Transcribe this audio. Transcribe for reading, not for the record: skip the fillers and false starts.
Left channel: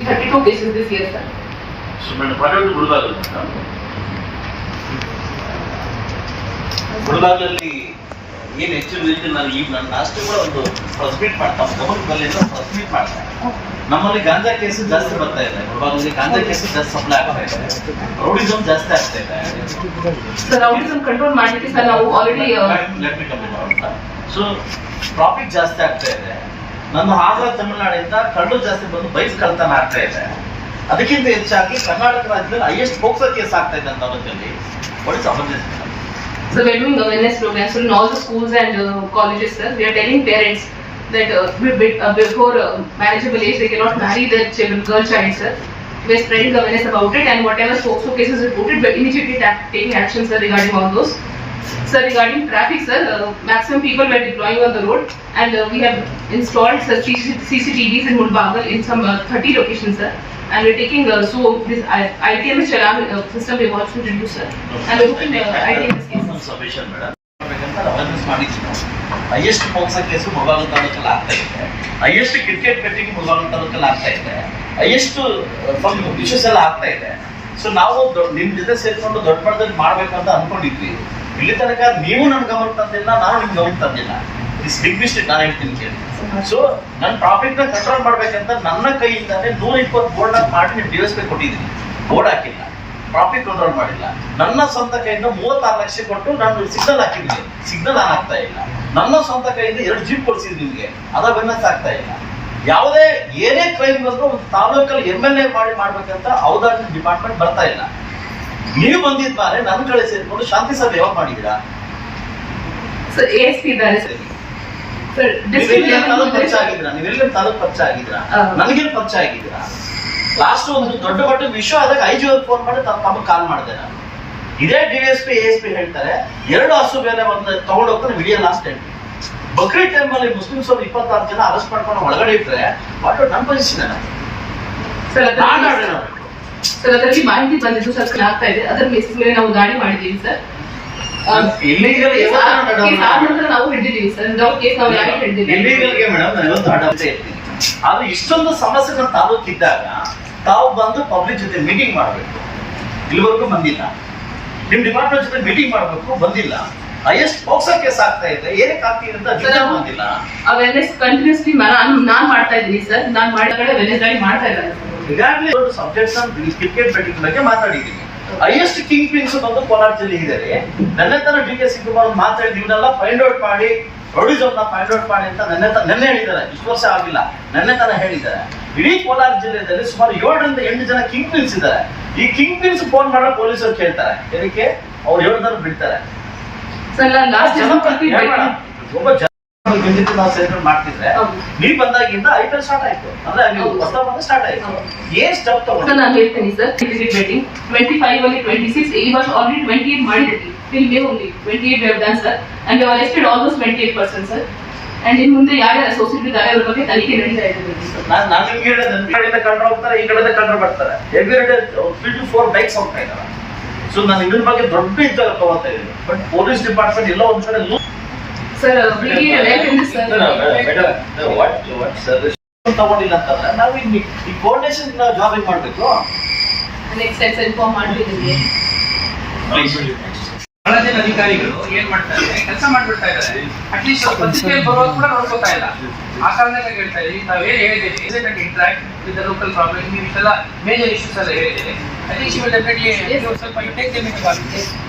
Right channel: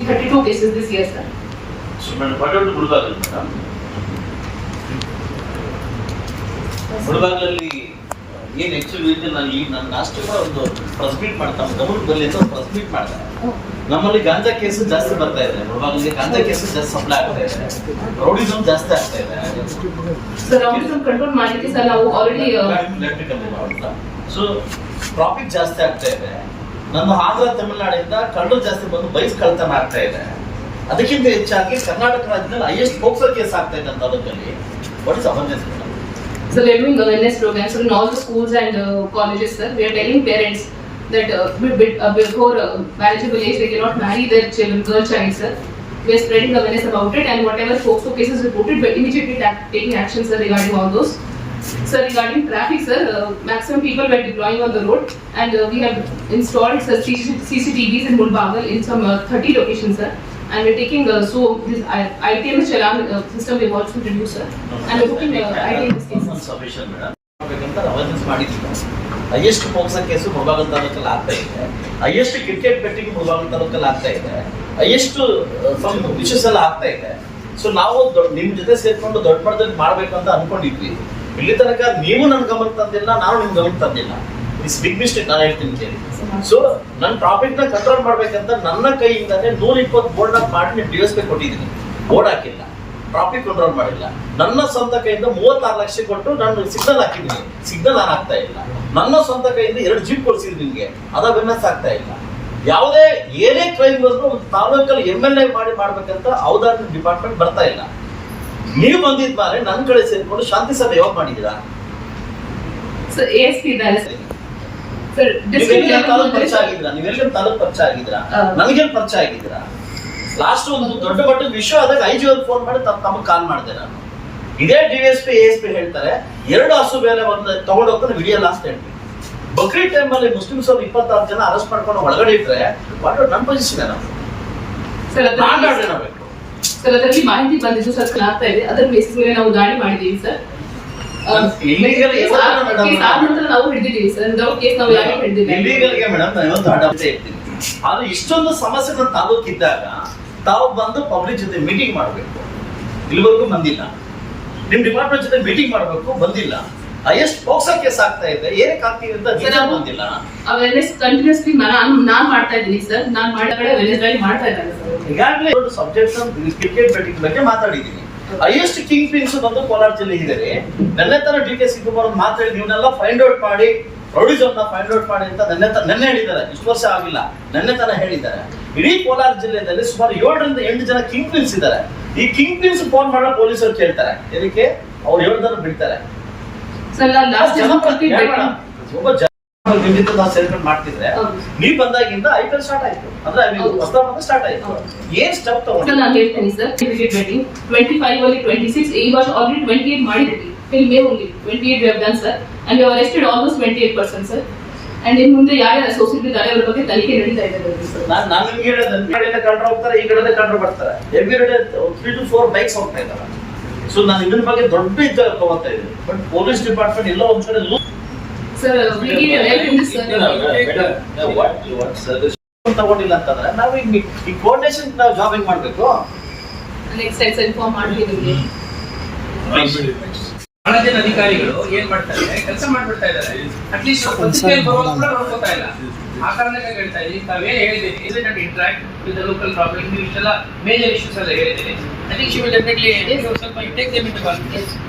32 cases this year, sir. So, madam, ಮುಳಬಾಗಿಲಲ್ಲಿ ಏನು ಹೆಚ್ಚು ನಾನು ಈಗ ನನ್ನ ಲಾಸ್ಟ್ ಕೂಡ ಒಂದು ಪ್ರೆಸ್ ಮೀಟ್ ಮಾಡ್ತಾ ಗಮನದಲ್ಲಿ ಪ್ರೆಸ್ ಮೀಟ್ ಮಾಡ್ತಾರೆ. ನಮ್ಮಲ್ಲಿ ಗಾಂಜಾ ಕೇಸು ಜಾಸ್ತಿ ಬರ್ತಾ ಇದೆ. ಮುಳಬಾಗಿಲಿಗೆ ಗಾಂಜಾ ಕೇಸು ಜಾಸ್ತಿ ಸಪ್ಲೈ ಆಗ್ತಾ ಇದೆ. ರೌಡಿಸಮ್ ಜಾಸ್ತಿ ಆಗ್ತಾ ಇದೆ. ಸರ್ ರೌಡಿಸಮ್ ಕಂಟ್ರೋಲ್ ಮಾಡಲಿಕ್ಕೆ ಸರ್ ನಾವು ಆಲ್ರೆಡಿ ಸೊ ಟ್ರಾಫಿಕ್ ಜಾಸ್ತಿ ಆಗ್ತಾ ಇದೆ. ನಮ್ಮ ಆಂಧ್ರ ತಮಿಳುನಾಡಿಂದ ಕಳ್ಳು ಜಾಸ್ತಿ ಬಂದು ಬೈಕ್ ಕಳ್ತನ ಆಗ್ತಾ ಇದೆ. ಅದಕ್ಕಿಂತ ಹೆಚ್ಚಾಗಿ ಕರ್ನಾಟಕ ರಾಜ್ಯದಲ್ಲಿ ಹೈಯೆಸ್ಟ್ ಪೋಕ್ಸೋ ಕೇಸ್ ಆಗ್ತಾ ಇದೆ ಅಂತ ತಾಲೂಕಲ್ಲಿ. What is awareness? So we are doing awareness programs in all the schools and colleges, sir. We are telling parents that before marriageable age they cannot marry their children, girl child, sir. We are spreading awareness about it, and whatever POCSO cases reported, we are immediately taking action, sir, regarding all those. Sir, regarding traffic, sir, maximum people were deploying on the road, and we have installed CCTVs in Mulbagal in some 30 locations, sir. And we're taking so this ITMS Chalan system we want to introduce, sir. And we're looking ITMS cases. Submission, madam. Awareness ಮಾಡಿದ್ದೀವಿ. Highest POCSO case Mulbagal ತಾಲೂಕಲ್ಲಿ ಆಗ್ತಾ ಇದೆ. Highest cricket betting Mulbagal ತಾಲೂಕಲ್ಲಿ ಆಗ್ತಾ ಇದೆ. Highest issues ಎಲ್ಲ ಆಗ್ತಾ ಇದೆ. ಸೊ ನಾವು ನಿಮ್ ಜೊತೆ ಸೇರ್ಕೊಂಡು ದೊಡ್ಡ ಮಟ್ಟದಲ್ಲಿ ಮಾಡ್ಬೇಕಂತ ಅನ್ಕೊಂಡಿದ್ವಿ. ಇಲ್ಲಿ ತನಕ ನೀವು ನನ್ ಗಮನ ತಂದಿಲ್ಲ, ನಾನು ನಿಮ್ ಗಮನ ತಂದಿಲ್ಲ. It's big mistake. ನಾನು ಹೇಳ್ತೀನಿ ಕೇಳಿ. ಸೊ ನನ್ನ ಟ್ರಾಫಿಕ್ ನ ಕಂಟ್ರೋಲ್ ಮಾಡ್ಬೇಕಂತ ನನ್ನ ಕೈಯಿಂದಾನೆ 120 ಬೋರ್ಡ್ ಮಾಡಿ ನೀವು DSP ಕೊಟ್ಟಿದ್ದೀನಿ. ಬೋರ್ಡ್ ಹಾಕಿಲ್ಲ, ಟ್ರಾಫಿಕ್ ಕಂಟ್ರೋಲ್ ಮಾಡಿಲ್ಲ. ನನ್ನ ಸ್ವಂತ ಕೈಯಿಂದ 36 ಲಕ್ಷ ಕೊಟ್ಟು ನಾನು ಸಿಗ್ನಲ್ ಹಾಕಿದ್ದೀನಿ. ಸಿಗ್ನಲ್ ಆನ್ ಆಗ್ತಾ ಇಲ್ಲ. ನನ್ನ ಸ್ವಂತ ಕೈಯಿಂದ 2 ಜೀಪ್ ಕೊಡಿಸಿದ್ದೀನಿ ನಿಮ್ಗೆ. ಅದ ಬೆನ್ನಸ್ ಆಗ್ತಾ ಇಲ್ಲ. ಯಾವುದೇ ಏನೇ ಕ್ರೈಮ್ ಬಂದ್ರು ಒಂದು ತಾಲೂಕಲ್ಲಿ MLA ಮಾಡ್ಬೇಕಂತ ಔದಾರ್ಯ ಡಿಪಾರ್ಟ್ಮೆಂಟ್ ಬರ್ತಾ ಇಲ್ಲ. ನೀವು ಬಂದಿದ್ ಮೇಲೆ ನನ್ನ ಕಡೆ ಸೇರ್ಕೊಂಡು ಶಾಂತಿ ಸಭೆ ಯಾವಾಗ ಮಾಡಿದ್ದೀರಾ? ಸರ್ ASP ಇದ್ದಾರೆ ಸರ್. ನೀವೆಲ್ಲ ಪರಿಚಯ ಆಗಿದ್ದೀರಾ? ನೀವೆಲ್ಲ ತಾಲೂಕು ಪರಿಚಯ ಆಗಿದ್ದೀರಾ? ನನಗೇನು ಪರಿಚಯ ಆಗಿದ್ದೀರಾ? ಲಾಸ್ಟ್ ಒಂದು ದೊಡ್ಡ ಮಟ್ಟದ ವಿಷಯ ಆದಾಗ IG ಅವ್ರಿಗೆ ಫೋನ್ ಮಾಡಿ ತಮಗೆ ಕಾಲ್ ಮಾಡಿದೆ ನಾನು. ಇದೇ DSP ASP ಹೇಳ್ತಾರೆ 2 ಹಸು ಬೇರೆ ಒಂದು ತಗೊಂಡು ಹೋಗ್ತಾನೆ ವಿಡಿಯೋ ಲಾಸ್ಟ್ ಹೇಳ್ತೀನಿ. ಬಕ್ರೀದ್ ಟೈಮ್ ಅಲ್ಲಿ ಮುಸ್ಲಿಮ್ಸ್ ಅವ್ರು 26 ಜನ ಅರೆಸ್ಟ್ ಮಾಡ್ಕೊಂಡು ಒಳಗಡೆ ಇಟ್ರೆ ವಾಟ್ ನನ್ನ ಪೊಸಿಷನ್ ಏನು? ಸರ್ ಅದರಲ್ಲಿ ಮಾಹಿತಿ ಬಂದಿದ್ದು ಸರ್ ಆಗ್ತಾ ಇದೆ. ಅದರ ಬೇಸಿಸ್ ಮೇಲೆ ನಾವು ದಾಳಿ ಮಾಡಿದ್ದೀವಿ ಸರ್. ನಾವು ಹಿಡಿದಿದ್ದೀವಿ ಸರ್. ಕೇಸ್ ನಾವು ಯಾರು ಹಿಡಿದಿಲ್ಲ. ಇಲ್ಲಿಗಲ್ಗೆ ಮೇಡಮ್ ನಾನು ಇವತ್ತು ಅಡ್ಡ ಇರ್ತೀನಿ. ಆದ್ರೆ ಇಷ್ಟೊಂದು ಸಮಸ್ಯೆ ನಮ್ಮ ತಾಲೂಕಿದ್ದಾಗ ತಾವು ಬಂದು ಪಬ್ಲಿಕ್ ಜೊತೆ ಮೀಟಿಂಗ್ ಮಾಡಬೇಕು. ಇಲ್ಲಿವರೆಗೂ ಬಂದಿಲ್ಲ. ನಿಮ್ ಡಿಪಾರ್ಟ್ಮೆಂಟ್ ಜೊತೆ ಮೀಟಿಂಗ್ ಮಾಡಬೇಕು, ಬಂದಿಲ್ಲ. ಹೈಯೆಸ್ಟ್ ಪೋಕ್ಸೋ ಕೇಸ್ ಆಗ್ತಾ ಇದೆ. ಏನಕ್ಕೆ ಆಗ್ತಿದೆ ಅಂತ ಬಂದಿಲ್ಲ. ಅವೇರ್ನೆಸ್ ಕಂಟಿನ್ಯೂಸ್ಲಿ ನಾನ್ ಮಾಡ್ತಾ ಇದ್ದೀನಿ ಸರ್. ನಾನು ಮಾಡಿದ ಕಡೆ ಅವೇರ್ನೆಸ್ ಗಾಡಿ ಮಾಡ್ತಾ ಇದ್ದಾರೆ ಸರ್. ಈಗಾಗಲೇ ಒಂದು ಸಬ್ಜೆಕ್ಟ್ ಕ್ರಿಕೆಟ್ ಬೆಟ್ಟಿಂಗ್ ಬಗ್ಗೆ ಮಾತಾಡಿದ್ದೀನಿ. ಹೈಯೆಸ್ಟ್ ಕಿಂಗ್ ಪಿನ್ಸ್ ಬಂದು ಕೋಲಾರ ಜಿಲ್ಲೆ ಇದ್ದಾರೆ. ನನ್ನ ತರ DK ಶಿವಕುಮಾರ್ ಮಾತಾಡಿ ನೀವನ್ನೆಲ್ಲ ಫೈಂಡ್ ಔಟ್ ಮಾಡಿ ರೌಡಿಸಮ್ ಫೈಂಡ್ ಔಟ್ ಮಾಡಿ ಅಂತ ನೆನ್ನೆ ಹೇಳಿದ್ದಾರೆ. ಇಷ್ಟು ವರ್ಷ ಆಗಿಲ್ಲ, ನೆನ್ನೆ ತರ ಹೇಳಿದ್ದಾರೆ. ಇಡೀ ಕೋಲಾರ ಜಿಲ್ಲೆಯಲ್ಲಿ ಸುಮಾರು 7 ರಿಂದ 8 ಜನ ಕಿಂಗ್ ಪಿನ್ಸ್ ಇದ್ದಾರೆ. ಈ ಕಿಂಗ್ ಪಿನ್ಸ್ ಫೋನ್ ಮಾಡೋ ಪೊಲೀಸರು ಕೇಳ್ತಾರೆ. ಇದಕ್ಕೆ ಅವ್ರು 7 ಜನ ಬಿಡ್ತಾರೆ. ಒಬ್ಬ ನಾವು ಸೆಲೆಬ್ರೇಟ್ ಮಾಡ್ತಿದ್ರೆ ನೀವು ಬಂದಾಗಿಂದ IPL ಸ್ಟಾರ್ಟ್ ಆಯ್ತು. ಅಂದ್ರೆ ನೀವು ಹೊಸ ಬಂದ ಸ್ಟಾರ್ಟ್ ಆಯ್ತು. ಏನ್ ಸ್ಟೆಪ್ ತಗೊಂಡು ನಾನು ಹೇಳ್ತೀನಿ ಸರ್. ಕ್ರಿಕೆಟ್ ಬೆಟ್ಟಿಂಗ್ 25 ಅಲ್ಲಿ 26 ಈ ವರ್ಷ ಆಲ್ರೆಡಿ 28 ಮಾಡಿದ್ದೀವಿ. till May only 28 we have done sir, and we have arrested almost 28% sir. And in ಮುಂದೆ ಯಾರು ಅಸೋಸಿಯೇಟ್ ಇದ್ದಾರೆ ಅದರ ಬಗ್ಗೆ ತನಿಖೆ ನಡೀತಾ ಇದೆ ಸರ್. ನಾನು ನಿಮಗೆ ಹೇಳಿದೆ ಈ ಕಡೆಯಿಂದ ಕಂಡ್ರೆ ಹೋಗ್ತಾರೆ, ಈ ಕಡೆಯಿಂದ ಕಂಡ್ರೆ ಬರ್ತಾರೆ. ಎವ್ರಿ ಡೇ 3 to 4 ಬೈಕ್ಸ್ ಹೋಗ್ತಾ ಇದ್ದಾರೆ. ಸೊ ನಾನು ಇದ್ರ ಬಗ್ಗೆ ದೊಡ್ಡ ಇದ್ದಾಗ ತಗೋತಾ ಇದ್ದೀನಿ. ಬಟ್ ಪೊಲೀಸ್ ಡಿಪಾರ್ಟ್ಮೆಂಟ್ ಎಲ್ಲೋ ಒಂದ್ ಕಡೆ ಸರ್ ತಗೊಂಡಿಲ್ಲ ಅಂತಂದ್ರೆ ನಾವು ಈ ಕೋಆರ್ಡಿನೇಷನ್ ನಾವು ಜಾಬ್ ಹೆಂಗ್ ಮಾಡ್ಬೇಕು? ನೆಕ್ಸ್ಟ್ ಟೈಮ್ ಇನ್ಫಾರ್ಮ್ ಮಾಡ್ತಿದ್ದೀವಿ. ಬಹಳ ಜನ ಅಧಿಕಾರಿಗಳು ಏನ್ ಮಾಡ್ತಾರೆ, ಕೆಲಸ ಮಾಡ್ಬಿಡ್ತಾ ಇದ್ದಾರೆ. ಅಟ್ಲೀಸ್ಟ್ ಪತ್ರಿಕೆಯಲ್ಲಿ ಬರೋದು ಕೂಡ ನೋಡ್ಕೋತಾ ಇಲ್ಲ. ಆ ಕಾರಣಕ್ಕೆ ಹೇಳ್ತಾ ಇದ್ದೀವಿ, ತಾವೇನು ಹೇಳಿದ್ದೀರಿ interact with the local problem, ನೀವು ಇಷ್ಟೆಲ್ಲ ಮೇಜರ್ ಇಶ್ಯೂಸ್ ಎಲ್ಲ ಹೇಳಿದ್ದೀರಿ. I think she will definitely ಸ್ವಲ್ಪ ಟೇಕ್ ದೆಮ್ ಇಂಟು ಕಾನ್ಸಿಡರೇಷನ್.